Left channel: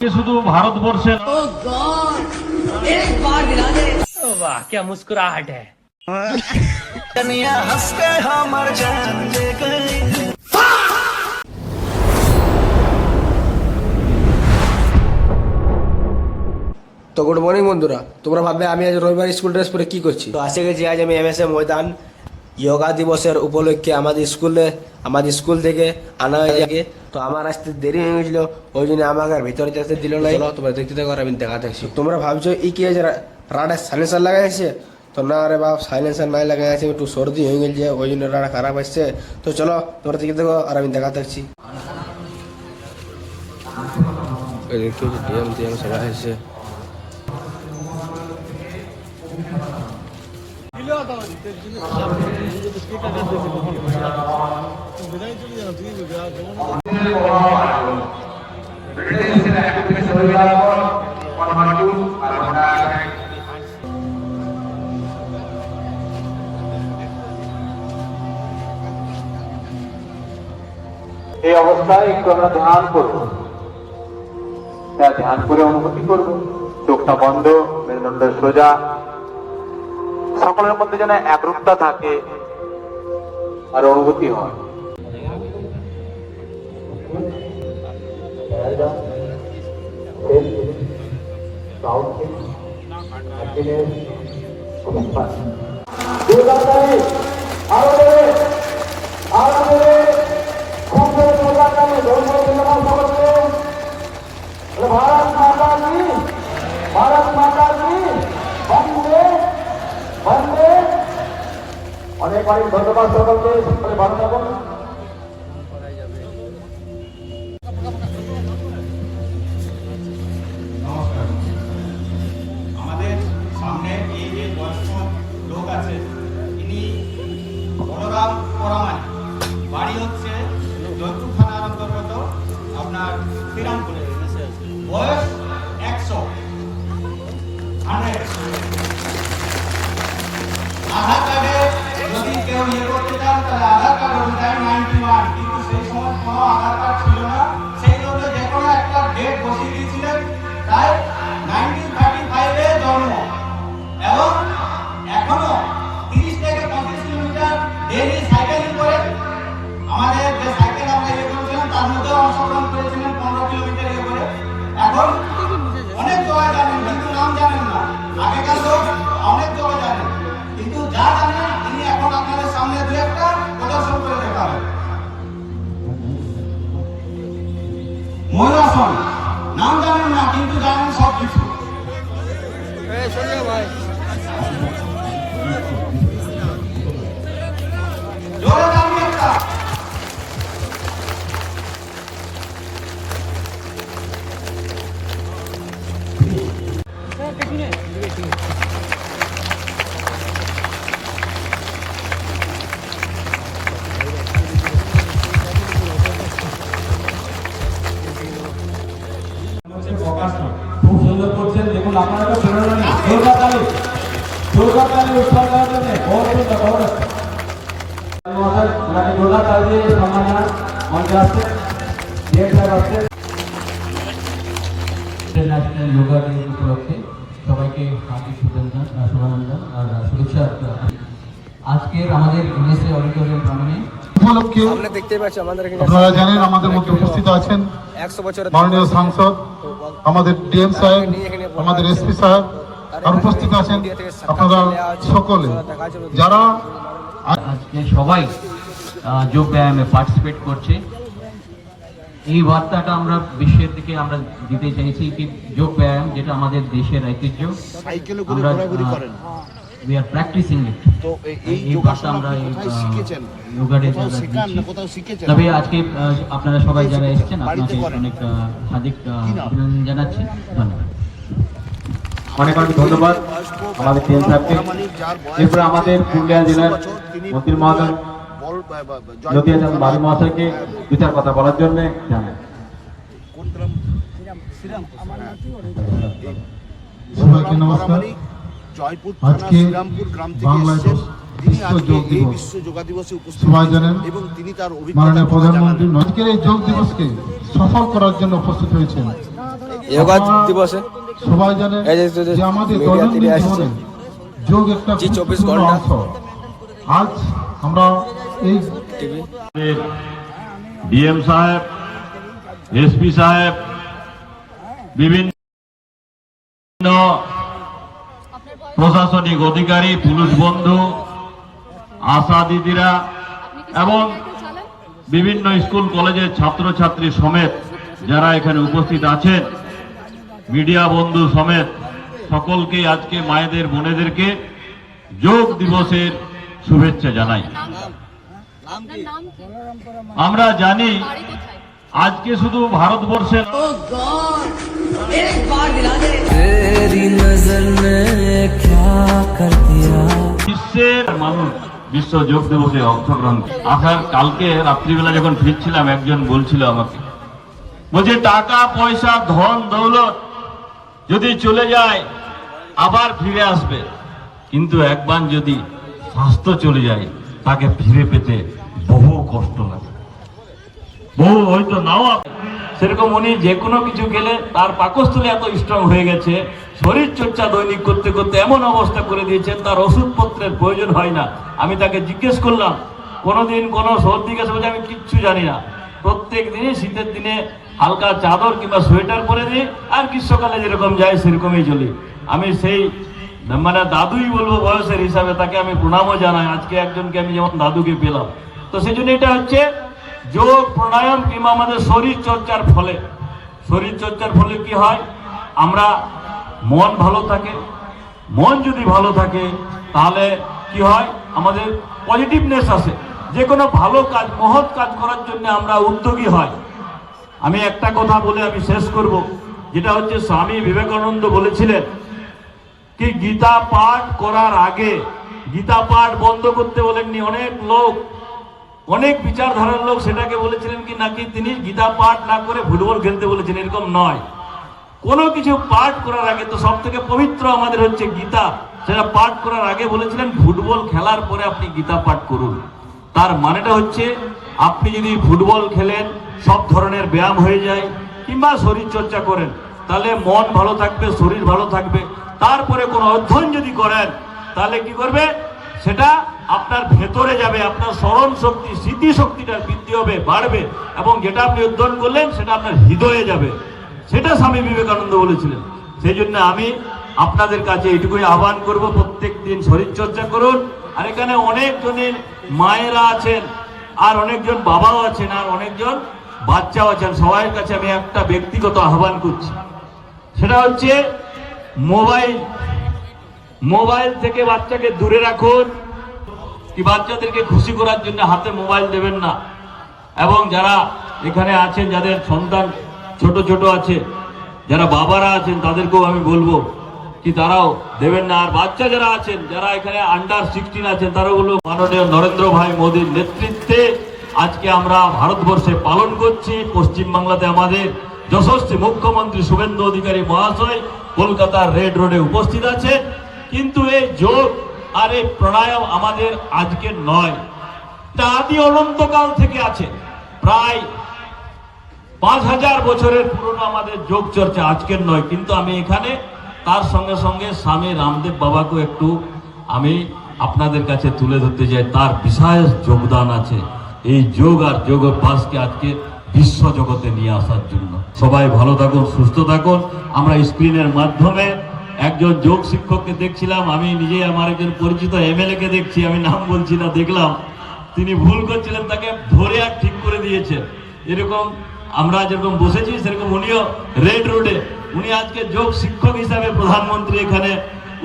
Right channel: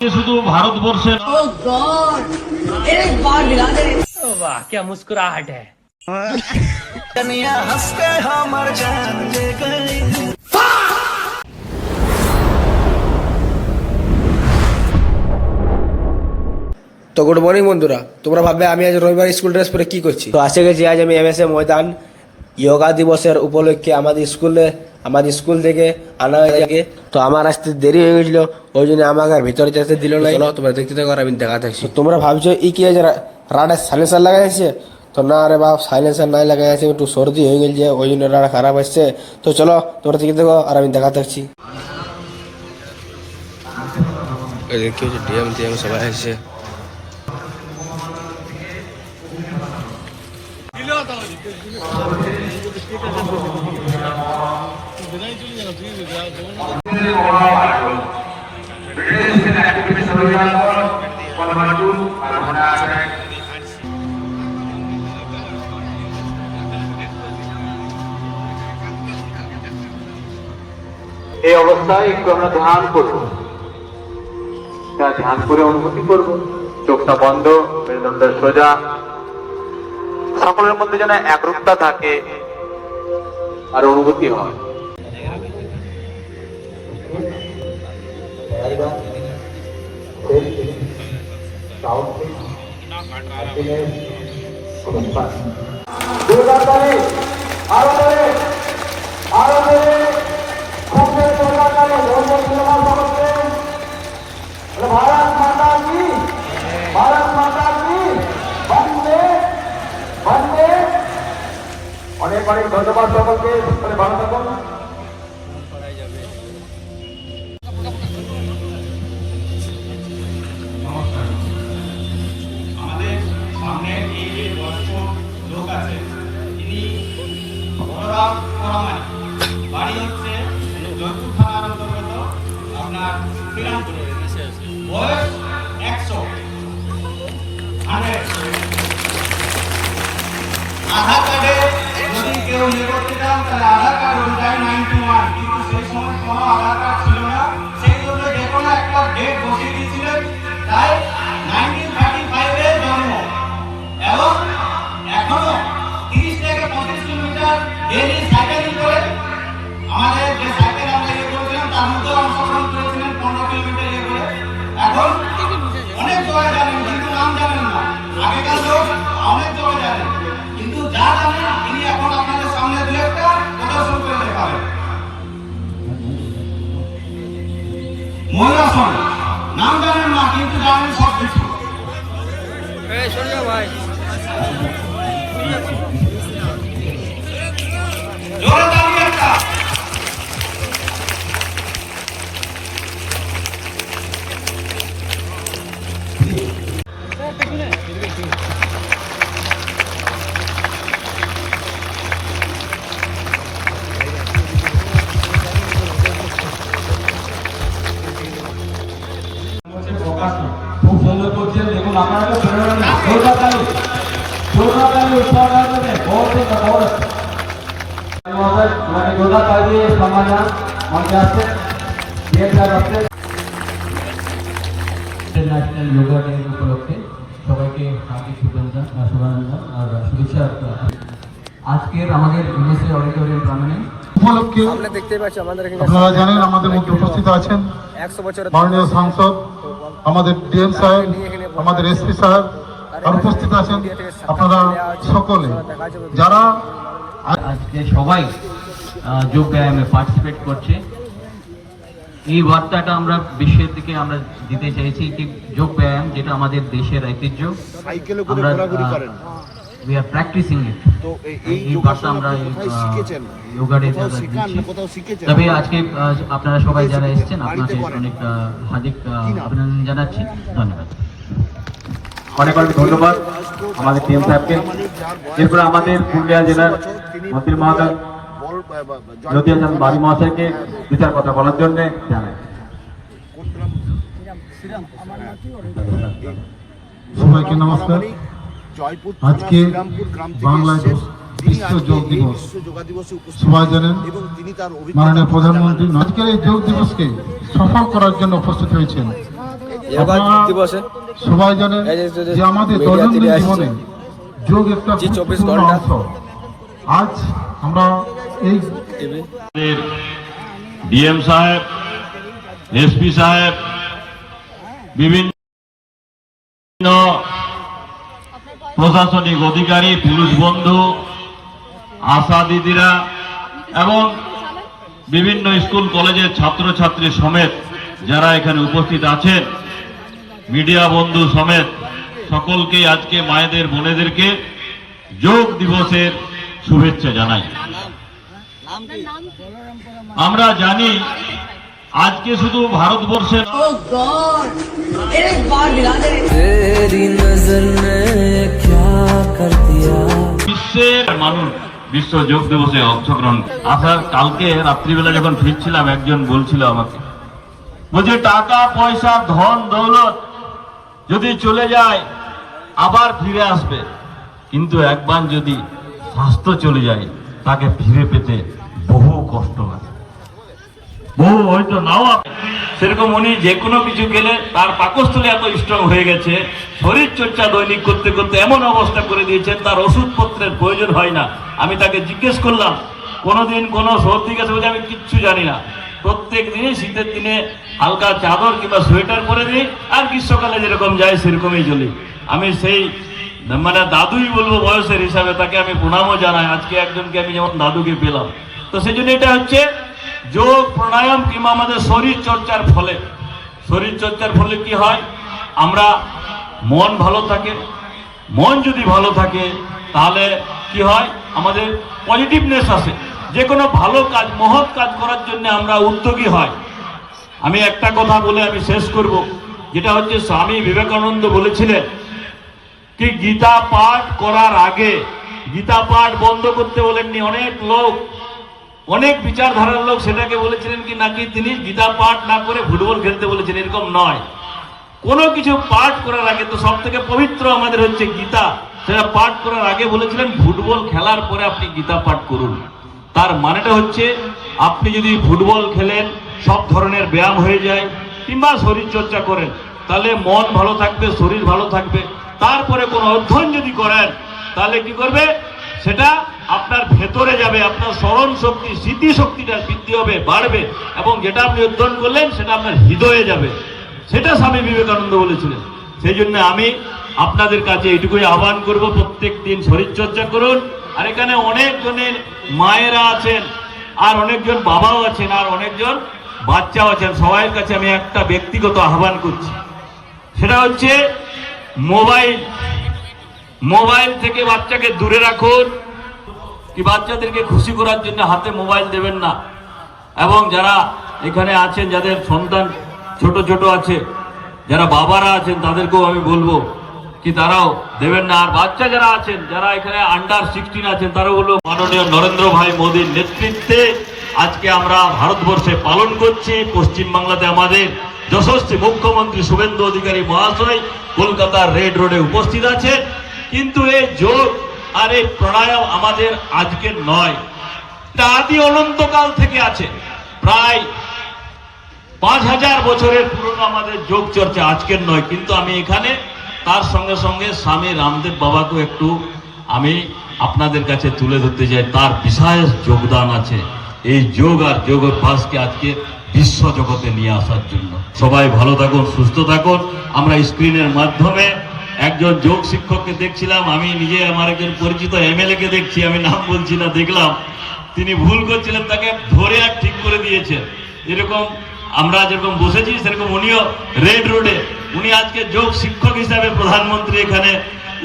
শুধু ভারতবর্ষে वाह क्या मुस्कुराहट है। তো গুড মর্নিং বন্ধুরা, তোমরা ভাববে আমি আজ রবিবার স্কুল ড্রেস পরে কি করছি। তো আসে গেছি আজ আমি এমএসএ ময়দান যোগা দিবসের উপলক্ষে আমাদের স্কুল থেকে আনা হয়ে। তো আমার আসতে দেরি হয়ে গেছিল, ওই জন্য আমাকে আর ভিতরে যেতে দিল না। চলো তোমরা দেখতে থাকো আর আমি দেখা থাকছি। তোমরা ভাবছো ই কি আছে, রাডা সাইলেন্সার লাগাই আছে? তো না রে বাপ, সাইলেন্সার নাই লাগাই আছে, একটু সর্দি হয়ে গেছে, ওই জন্য রাডা খারাপ আসছে। তো চলো তোমরা দেখতে থাকো আর আমি দেখা থাকছি। ডিএম সবাই আসছে। এই অবস্থায় একটু আমরা ধ্যান করব, ধ্যান করে অনুভূতি করব। চোখটা বন্ধ, মেরুদণ্ড সোজা, সকলের মধ্যে যেন একরূপতা থাকে আর অনুভূতি হয়। भारत माता की, भारत माता की वंदे वंदे। অনেক অনেক ধন্যবাদ সকলকে। ভালো থাকুন। আমাদের সামনে এই যে বয়স্ক লোক আছে, ইনি বলরাম পরামানিক, বাড়ি হচ্ছে জয়পুর থানার অন্তর্গত আপনার শ্রীরামপুরে, বয়স 100। আধার কার্ডে যদি কেউ ইয়ে করতে চান তাহলে আধার কার্ড অনুযায়ী 91, কিন্তু সেই সময় কোনো আধার কার্ড ছিল না, সেই জন্য যে কোনো একটা ডেট বসিয়ে দিয়েছিলেন। তাই 1935-এ জন্ম এবং এখনো 30 থেকে 35 কিলোমিটার ডেইলি সাইকেলিং করে। আমাদের যে সাইকেল আমরা ইয়ে করেছিলাম তার মধ্যে অংশগ্রহণ করেছিলেন 15 কিলোমিটার ইয়ে করে। এখন অনেক জায়গায় জানেন কিন্তু নাম জানেন না। আগেকার লোক অনেক জায়গায় জানেন, কিন্তু যা জানেন তিনি এখন আপনাদের সামনে দু একটা প্রদর্শন করে দেখাবেন। ময়ূরাসন, নাম জানেন না কিন্তু জানেন সব কিছু। জোরে দাঁড়িয়ে একটা খুব সুন্দর করছেন। দেখুন আপনারা তো বেরোলেন না, জোরদারি উৎসাহ করে বহুত জোরদার দিয়ে সম্মান মঞ্চে আসছে। ইন্টারন্যাশনাল যোগা ডে উপলক্ষে সবাইকে হার্দিক শুভেচ্ছা আর শুভেচ্ছা। আজকের আমাদের এমএসএ অডিটোরিয়াম প্রাঙ্গণে সামনে দেখতে পাচ্ছি আমাদের এখানে আপনারা জানেন আমাদের মধ্যে উপস্থিত আছেন 100 বছরের মাননীয় সাংসদ, আমাদের ডিএম সাহেব, আমাদের এসপি সাহেব আর উপস্থিত আছেন আপনারা সকলে যারা আজকে সবাই যোগ ব্যায়ামে পার্টিসিপেট করছে। এই বার্তাটা আমরা বিশ্বের দিকে আমরা দিতে চাইছি যে যোগ ব্যায়াম যেটা আমাদের দেশের ঐতিহ্য, আমরা we are practicing it। এই বার্তা আমরা যোগা ডে দিচ্ছি। তবে আজকে আপনারা সবাই যারা এসেছেন আপনাদের অনেক হার্দিক অভিনন্দন জানাচ্ছি। ধন্যবাদ, অনেক অনেক ধন্যবাদ আমাদের টিএম সাহেবকে। এরপরে আমাদের পুরুলিয়া জেলার মন্ত্রী মহোদয় জ্যোতি হাসান বাড়ি মহাশয়কে বিচার কথা বলার জন্য জানাই। সবাইকে নমস্কার। আজকে বাংলায় বিশ্ব যোগ দিবস, সবাই জানেন মাননীয় প্রধানমন্ত্রী আজকের এই যোগ দিবসকে সফল করার জন্য উপস্থিত হয়েছেন। যোগা দিবসে সবাই জানেন এই যে যে আমাদের মিডিয়া দৈনন্দিন টিভি আসছে। জীবনে যোগ একটা জি, 24 গুরুত্বপূর্ণ ঘন্টা। অংশ। আজ আমরা এই টিভি ডিএম সাহেব, এসপি সাহেব, বিভিন্ন প্রশাসনিক অধিকারী, পুলিশ বন্ধু, আশা দিদিরা এবং বিভিন্ন স্কুল কলেজের ছাত্রছাত্রী সমেত যারা এখানে উপস্থিত আছেন, মিডিয়া বন্ধু সমেত সকলকে আজকে মায়েদের বোনেদেরকে যোগ দিবসের শুভেচ্ছা জানাই। আমরা জানি আজকে শুধু ভারতবর্ষের तेरी नजर ने क्या कर दिया বিশ্বের মানুষ বিশ্ব যোগ দিবসে অংশগ্রহণ। আসার কালকে রাত্রিবেলা যখন ফিরছিলাম একজন বলছিল আমাকে, বলছে টাকা পয়সা ধন দৌলত যদি চলে যায় আবার ফিরে আসবে, কিন্তু একবার যদি স্বাস্থ্য চলে যায় তাকে ফিরে পেতে বহু কষ্ট হয়, বহু হয়তো নাও আসে। সেরকম উনি যে কোনো কিছু গেলে তার পাকস্থলী এত স্ট্রং হয়ে গেছে, শরীর চর্চা দৈনিক করতে করতে এমন অবস্থা করে দিয়েছেন তার ওষুধপত্রের প্রয়োজন হয় না। আমি তাকে জিজ্ঞেস করলাম, কোনোদিন কোনো সর্দি কাশি হলে আমি কিচ্ছু জানি না, প্রত্যেক দিনই শীতের দিনে হালকা চাদর কিংবা সোয়েটার পরে দিই, আর গ্রীষ্মকালে যেরকম যায় সেরকমই চলি। আমি সেই মানে দাদুই বলবো বয়সের হিসাবে, তাকে আমি প্রণামও জানাই। আজকে একজনকে আমি যেমন দাদুকে পেলাম, তো সেই জন্য এটা হচ্ছে যোগ প্রাণায়াম কিংবা আমাদের শরীর চর্চার ফলে। শরীর চর্চার ফলে কি হয়, আমরা মন ভালো থাকে। মন যদি ভালো থাকে তাহলে কি হয়, আমাদের পজিটিভনেস আসে, যে কোনো ভালো কাজ মহৎ কাজ করার জন্য আমরা উদ্যোগী হয়। আমি একটা কথা বলে আমি শেষ করব, যেটা হচ্ছে স্বামী বিবেকানন্দ বলেছিলেন কি গীতা পাঠ করার আগে, গীতা পাঠ বন্ধ করতে বলেননি। অনেক লোক, অনেক বিচারধারার লোক সেটাকে বলেছিলেন কি নাকি তিনি গীতা পাঠ না করে ফুটবল খেলতে বলেছেন, এরকম নয়। কোনো কিছু পাঠ করার আগে, তো সব থেকে পবিত্র আমাদের হচ্ছে গীতা, সেটা পাঠ করার আগে বলেছিলেন ফুটবল খেলার পরে আপনি গীতা পাঠ করুন। তার মানেটা হচ্ছে আপনি যদি ফুটবল খেলেন, সব ধরনের ব্যায়াম হয়ে যায়, কিংবা শরীর চর্চা করেন, তাহলে মন ভালো থাকবে, শরীর ভালো থাকবে। তারপরে কোনো অধ্যয়ন যদি করেন তাহলে কি করবে, সেটা আপনার ভেতরে যাবে, আপনার স্মরণ শক্তি, স্মৃতিশক্তিটা বৃদ্ধি হবে, বাড়বে, এবং যেটা আপনি অধ্যয়ন করলেন সেটা আপনার হৃদয়ে যাবে। সেটা স্বামী বিবেকানন্দ বলেছিলেন। সেই জন্য আমি আপনাদের কাছে এইটুকুই আহ্বান করব, প্রত্যেক দিন শরীর চর্চা করুন। আর এখানে অনেকজনের মায়েরা আছেন, আর অনেকজন বাবাও আছেন, আর অনেকজন বাচ্চাও আছেন। সবাই কাছে আমি একটা ব্যক্তিগত আহ্বান করছি, সেটা হচ্ছে মোবাইল থেকে বাচ্চাকে দূরে রাখুন। কি বাচ্চাদেরকে খুশি করার জন্য হাতে মোবাইল দেবেন না। এবং যারা এখানে আছেন, যাদের সন্তান ছোট ছোট আছে, যারা বাবারা আছেন, তাদেরকেও আমি বলবো কি তারাও দেবেন না। আর বাচ্চা যারা আছেন, যারা এখানে আন্ডার 16 আছেন, তারাও বলবো মাননীয় নরেন্দ্র ভাই মোদীর নেতৃত্বে আজকে আমরা ভারতবর্ষে পালন করছি। পশ্চিমবাংলাতে আমাদের যশস্বী মুখ্যমন্ত্রী শুভেন্দু অধিকারী মহাশয় কলকাতার রেড রোডে উপস্থিত আছে। কিন্তু এই যোগ আর এই প্রাণায়াম আমাদের আজকের নয়, এটা আদি অনন্তকাল থেকে আছে। প্রায় 5000 বছরের পুরনো আমাদের যোগ চর্চা, আজকের নয়। কিন্তু আমি এখানে তার সঙ্গে সঙ্গে স্বামী রামদেব বাবাকেও একটু আমি আপনাদের কাছে তুলে ধরতে চাই। তার বিশেষ যোগদান আছে এই যোগ আর যোগ অভ্যাসকে আজকে বিশ্ব জগতে নিয়ে আসার জন্য। সবাই ভালো থাকুন, সুস্থ থাকুন। আমরা স্ক্রিনের মাধ্যমে একজন যোগ শিক্ষককে দেখছিলাম, আমি নিজে আমার একজন পরিচিত এমএলএ কে দেখছি, আমি নাম বলছি না, দেখলাম তিনি ভুল করছিলেন, তাকে ধরে আর ঠিক করে দিয়েছেন। এরকম আমরা যেরকম বসেছি সেরকম উনিও রেড রোডে, উনি আজকে যোগ শিক্ষক হিসাবে প্রধানমন্ত্রী এখানে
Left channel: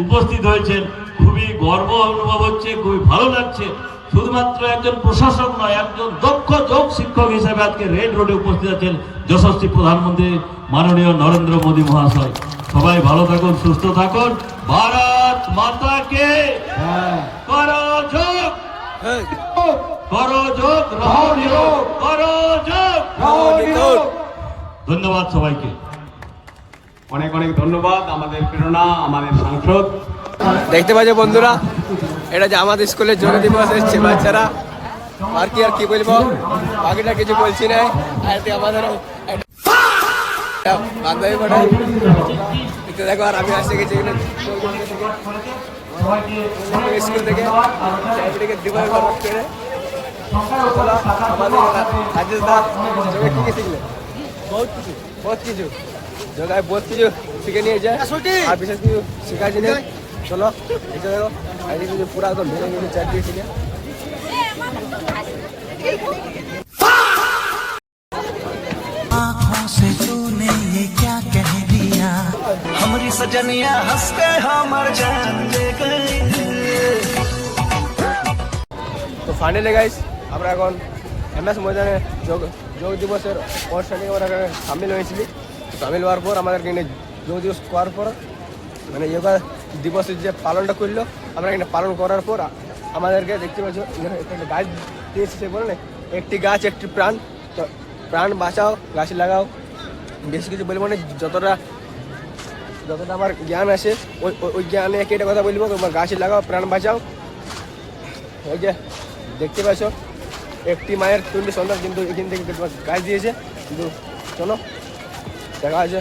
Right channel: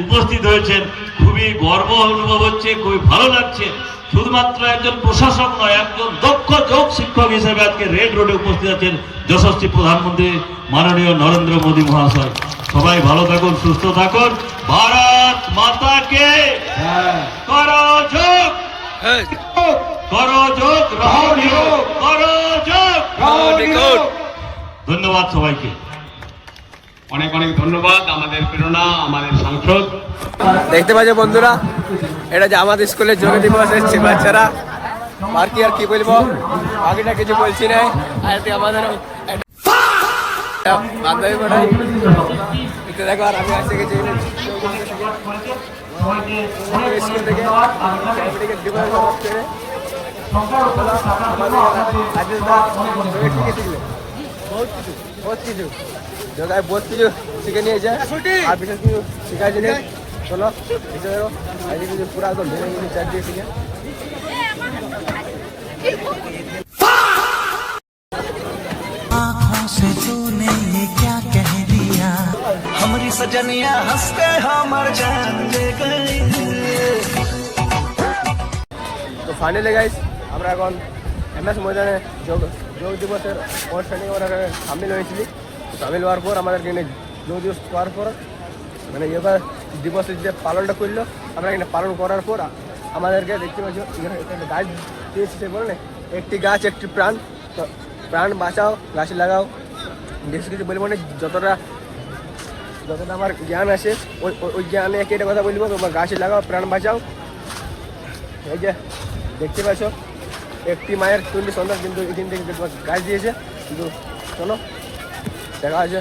উপস্থিত হয়েছেন। খুবই গর্ব অনুভব হচ্ছে, খুবই ভালো লাগছে। শুধুমাত্র একজন প্রশাসক নয়, একজন দক্ষ যোগ শিক্ষক হিসেবে আজকে রেড রোডে উপস্থিত আছেন যশস্বী প্রধানমন্ত্রী মাননীয় নরেন্দ্র মোদী মহাশয়। সবাই ভালো থাকুন, সুস্থ থাকুন। ভারত মাতা কে করো যোগ, করো যোগ, রহো নিরোগ, করো যোগ, রহো নিরোগ। ধন্যবাদ সবাইকে, অনেক অনেক ধন্যবাদ আমাদের প্রেরণা, আমাদের সংসদ। দেখতে পাচ্ছ বন্ধুরা, এটা যে আমাদের স্কুলে যোগ দিবস এসছে বাচ্চারা। আর কি বলবো, বাকিটা কিছু বলছি না। আর আমাদের বান্ধবী পাঠাই দেখো। আর আমি আসতে গেছি এখানে স্কুল থেকে ডিভাইড ঘর করে আমাদের রাজেশ দা কি শিখলে বহুত কিছু জগায় বহুত কিছু শিখে নিয়ে যায় আর বিশেষ কিছু শেখার জিনিস। চলো এসে দেখো আজকে কিছু পুরো একদম ভেঙে ভেঙে চার দিয়ে শিখে आँखों से तूने ये क्या कह दिया हमारी सजनिया हंस के हमर जान ले गई। তো ফাইনালি গাইস আমরা এখন এমএস ময়দানে যোগ দিবসের অনুষ্ঠানে আমরা সামিল হয়েছিলি। তো সামিল হওয়ার পর আমাদেরকে এখানে যোগ দিবস করার পর মানে যোগা দিবসের যে পালনটা করলো আমরা এখানে পালন করার পর আমাদেরকে দেখতে পাচ্ছ এখানে গাছ দিয়েছে। সে বলে না একটি গাছ একটি প্রাণ। তো প্রাণ বাঁচাও গাছ লাগাও বেশি কিছু বলবো না, যতটা আমার জ্ঞান আছে ওই জ্ঞানে একটা কথা বলবো, তোমার গাছ লাগাও প্রাণ বাঁচাও। এই যে দেখতে পাচ্ছ একটি মায়ের 20 সন্তান কিন্তু এখান থেকে তোমার গাছ দিয়েছে। কিন্তু চলো দেখা আছে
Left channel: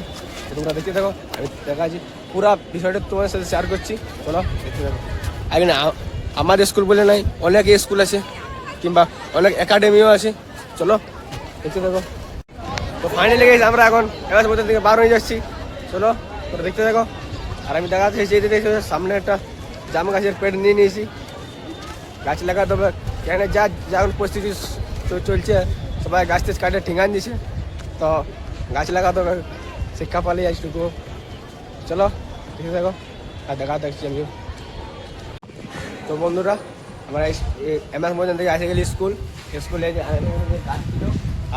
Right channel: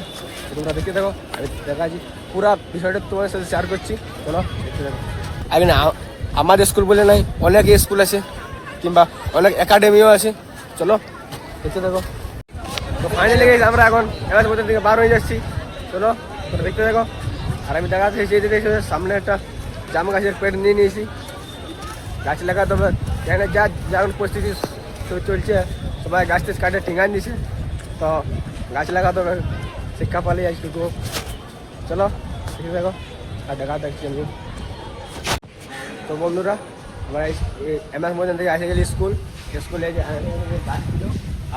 তোমরা দেখতে থাকো, আমি দেখা আছি পুরো বিষয়টা তোমাদের সাথে শেয়ার করছি। চলো দেখতে থাকো। আগে না আমাদের স্কুল বলে নাই, অনেক স্কুল আছে কিংবা অনেক একাডেমিও আছে। চলো দেখতে থাকো। তো ফাইনালি গেছি আমরা এখন এবার মধ্যে থেকে বার হয়ে যাচ্ছি। চলো তোরা দেখতে থাকো। আর আমি দেখাতে যেতে দেখতে সামনে একটা জাম গাছের পেট নিয়ে নিয়েছি, গাছ লাগাতে হবে। কেন যেমন পরিস্থিতি চলছে সবাই গাছ টাছ কাটে টিঙান দিছে, তো গাছ লাগাতে হবে। শিক্ষা পালি আজটুকু। চলো দেখতে থাকো আর দেখা দেখছি আমি। তো বন্ধুরা আমরা এমএস ময়দান থেকে এসে গেলি স্কুলে গাছ ছিল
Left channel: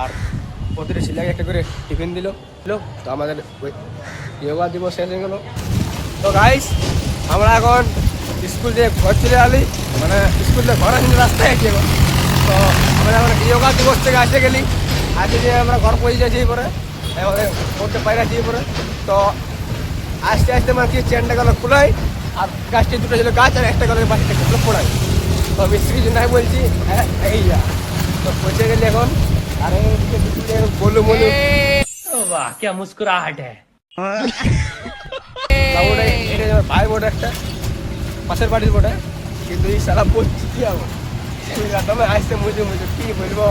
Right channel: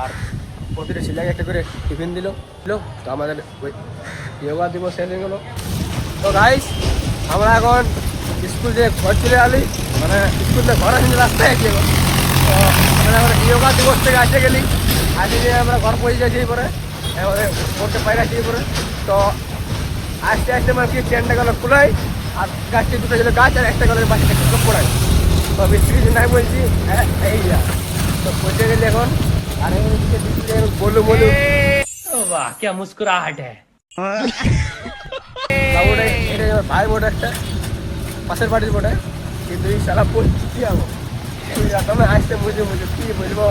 আর প্রতিটা ছেলেকে একটা করে টিফিন দিল। তো আমাদের যোগা দিবস শেষ হয়ে গেলো। তো গাইস আমরা এখন স্কুল থেকে ঘর চলে আলি, মানে স্কুল থেকে ঘর আসলে রাস্তায় আছি এখন। তো আমরা এখন যোগা দিবস থেকে আসতে গেলি, আজকে যে আমরা ঘর পৌঁছে যাচ্ছি পরে আমাদের পড়তে পাই রাখছি পরে। তো আস্তে আস্তে মানে কি চেনটা গেল খোলাই আর গাছটি দুটো ছিল গাছ আর একটা গেল বাচ্চা পড়াই। তো বেশি কিছু নাই বলছি এই তো পৌঁছে গেলি এখন। আর বলু বলু वाह क्या मुस्कुराहट है। এটা আমার ভাইয়ের বোট, একটা পাশের বাড়ির বোটে, কিন্তু এই সারা পড়ছি কি আমি আসতে মুঝে কি বলবো।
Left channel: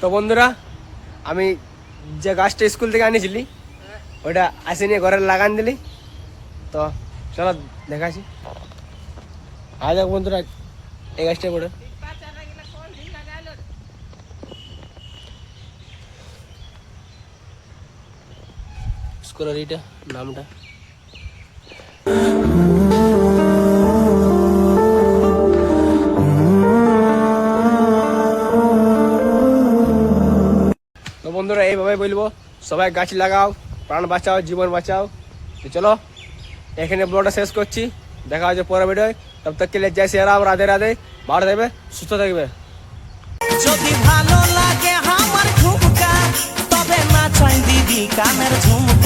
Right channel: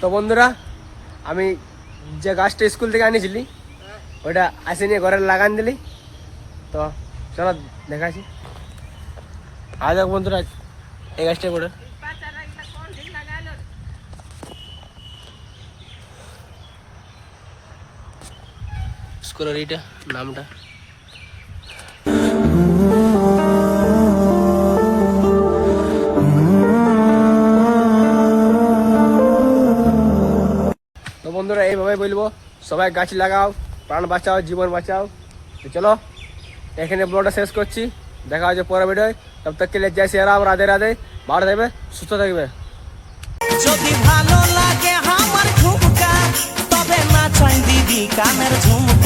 তো বন্ধুরা আমি যে গাছটা স্কুল থেকে আনিছিলি ওইটা আসে নিয়ে ঘরে লাগান দিলি। তো চলো দেখাচ্ছি। আজ বন্ধুরা এই গাছটা পড়ে স্কুলের এইটা নামটা। তো বন্ধুরা এইভাবে বলবো সবাই গাছ লাগাও, প্রাণ বাঁচাও, জীবন বাঁচাও। তো চলো এখানে ব্লগটা শেষ করছি, দেখা হচ্ছে পরের ভিডিও। তব তক কে লিয়ে জয় শ্রী রাম, রাধে রাধে, ভালো থাকবে, সুস্থ থাকবে। যদি ভালো লাগে আমার ঝুমকা তবে না চাই দিদি কানের ঝুমকা।